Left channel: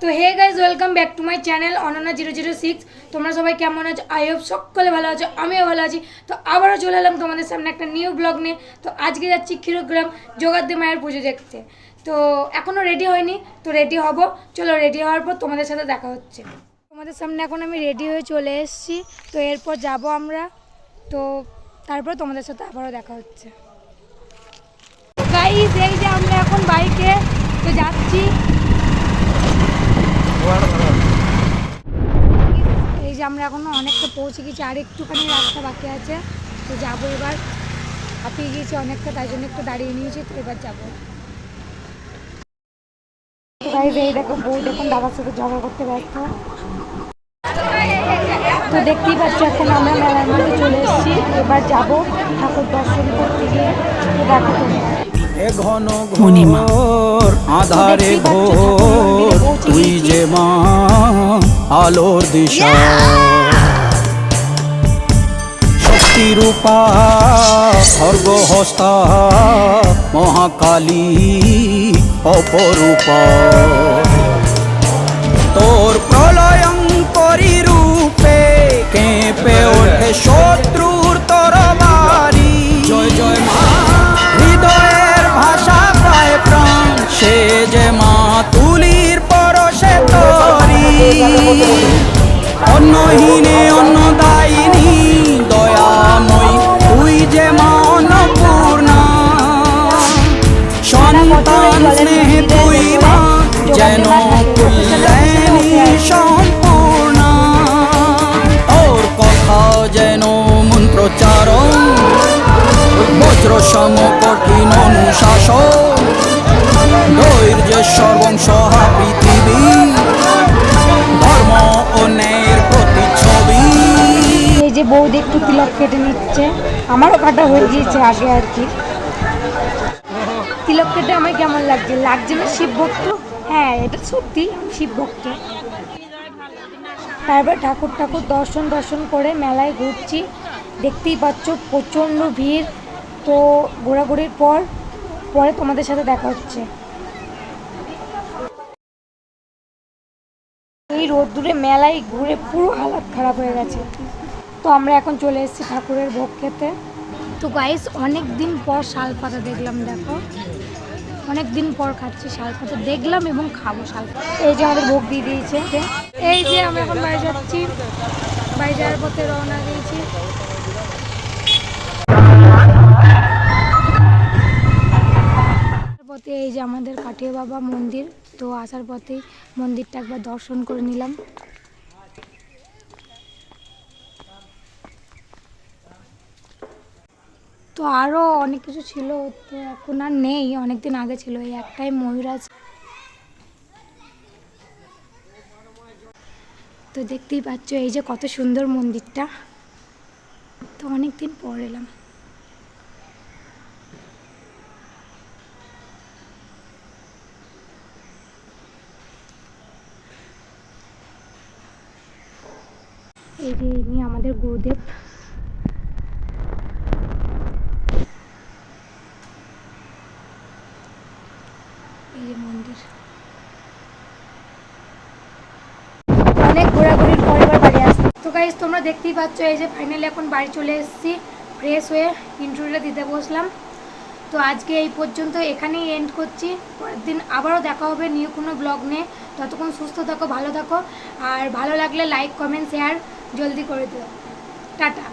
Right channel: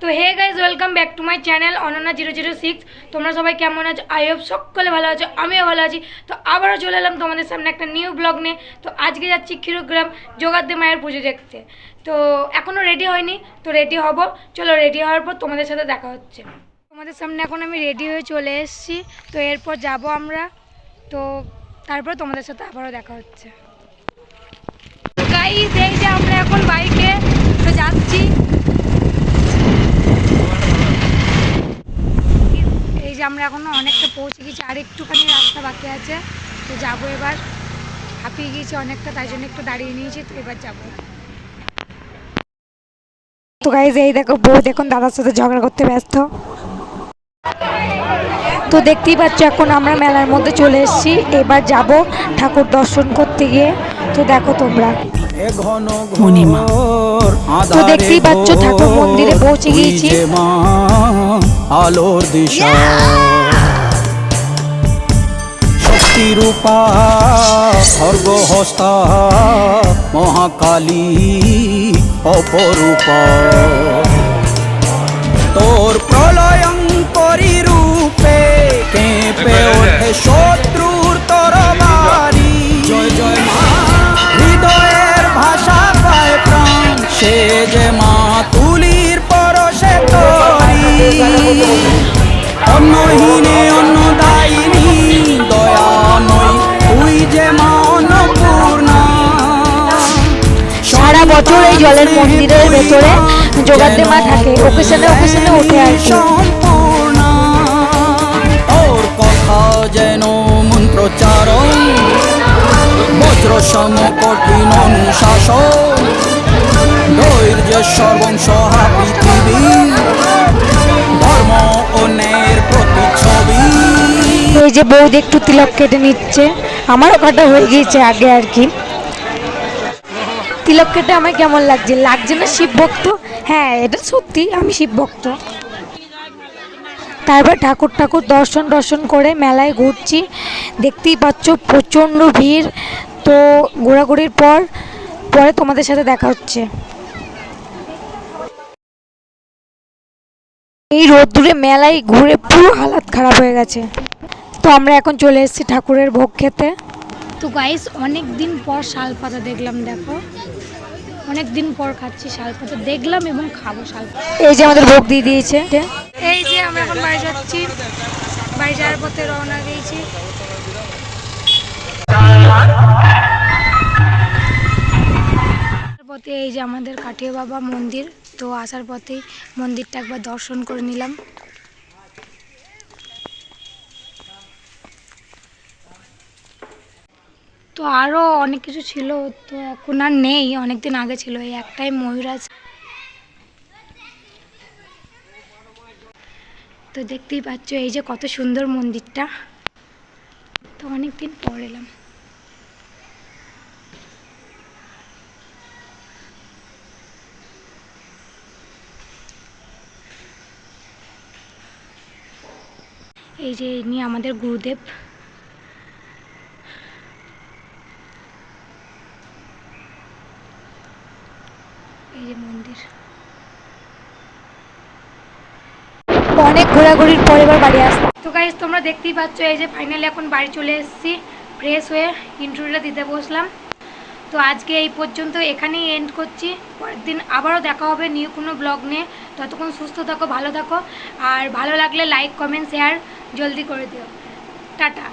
তো hey guys welcome back to my channel Ananya 006। তোমরা সবাই কেমন আছো? আই হোপ সকলে ভালো আছো, আমিও ভালো আছি। তো আবারও চলে এলাম তোমাদের সামনে একটা নিউ ব্লগ নিয়ে। তো আজকে যাচ্ছি ক্ষীরগ্রাম যোগাদ্দে মায়ের পুজো দেখতে। তো এখনও রেডি হয়নি, তো রেডি হব। চলো রেডি হওয়ার পর তোমাদের সাথে দেখা হচ্ছে। তোমাদের সামনে এখন আমি রেডি হয়ে চলে এসেছি। তো এরপর যাব আমরা, তো তারপর তোমাদের সাথে আবারও দেখা হচ্ছে। গাইজ এই যে আমরা এখন বাইকে তো যাচ্ছি। এই যে আমরা এখনো অনেকটা পৌঁছে গেছি, আর একটুখানি রাস্তা বাকি আছে। তো যাবো এবার, হাঁপিয়ে গিয়েছি অনেকটা, তাই জন্য একটু দাঁড়িয়ে নিয়েছি। তো এবার যাবো। তো গাইজ এই দেখো বউ দেখুন দাদার সাথে ঝগড়া করতে ব্যস্ত। তো দেখতেই পাচ্ছ এখন আমরা মেলার মধ্যে চলে এসেছি। এবার যাব ঠাকুর দর্শন করতে গিয়ে। তো দেখো তোমরা ঘন ঘোর আধারে ঘোর তুই যে মা আলোর দিশা শক্তি রূপা খর্গহস্তা মহাকালী অপরূপা তোর প্রলয়ঙ্করী রূপে কেঁপে ওঠে শত্রুর তরবারি জয় জয় মা হৃদয়ের ভাষা পায় প্রাণ সে যে মা তুলির পরশে তরি অন্নহীনে অন্নদায়িনী দয়াময়ী তুই যে মা অন্নপূর্ণা সন্তান স্নেহে তুই মা যেন কল্যাণী সম্পূর্ণা তোর কথা যেন মন্ত্রোচ্চারণ বজ্র সম কঠিন অনুশাসন ধৈর্যের সর্বংসহা পৃথিবী ধর্ম ও ন্যায়ের প্রতিচ্ছবি। এই যে বৌদি একটু তিলক কেটে নিচ্ছে, আমারও কাটা হয়ে গিয়েছে আগে আর কি। তিলক কেটে আমার কেমন লাগছে? লাগছে না শিব ভক্ত? হ্যাঁ এটা সত্যি, আমি শিব ভক্ত। তারপর ঠাকুর দর্শন করে মেলায় ঘুরছি। দেখতেই পাচ্ছ প্রচণ্ড ভিড়। তো ঘোরাঘুরির পরে তোমাদের সাথে দেখা হচ্ছে। এই রোদ্দুরে মেলায় ঘুরে পুরো হালাত খারাপ হয়ে গেছে। তো আমরা এখন চলে এসেছি ঠাকুরের ভোগ খেতে। তো গাইস অনেক দিন পর শালপাতা দেখলাম, দেখো অনেক দিন পর খাচ্ছি শালপাতা, দেখলাম এবং খাবো শালপাতা। এই যে আমাদের ভোগ দিয়ে দিয়েছে। এই যে আমরা এখন বাড়ি যাচ্ছি, বাড়ি যাওয়ার পথে রওনা দিয়েছি। পথে এই যে আমাদের কাঠিয়া বাবা মন্দির। তো আসার পথেই মন্দিরটা একবার দর্শন করে নিলাম। তো আরও অনেক কিছু ছিল, তো এখন আর নেই, অনেকদিন আগে ছিল। এই একটাই ময়ূরাজ। তো দেখতেই পাচ্ছ এই যে কত সুন্দর মন্দিরটা। তো অনেকদিন পর এলাম। এই যে ইনি আমাদের গুরুদেব। এই যে মন্দির। অনেক ঘোরাঘুরির পরে এবার বাড়ি আসছি। তো গাইজ তোমরা দেখতেই পাচ্ছ এই যে ফাইনালি এখন বাড়ি চলে এসেছি, ফ্রেশ হয়ে ইন্টারভিউটা দিতে বসলাম। তো আজকে এই পর্যন্ত এখানেই এন্ড করছি। পরের দিন আবারও দেখা হবে নিউ কোনো ব্লগ নিয়ে। ততক্ষণ সুস্থ থাকো, ভালো থাকো, আর ভালো লাগলে লাইক কমেন্ট শেয়ার জলদি করে দিও। টাটা।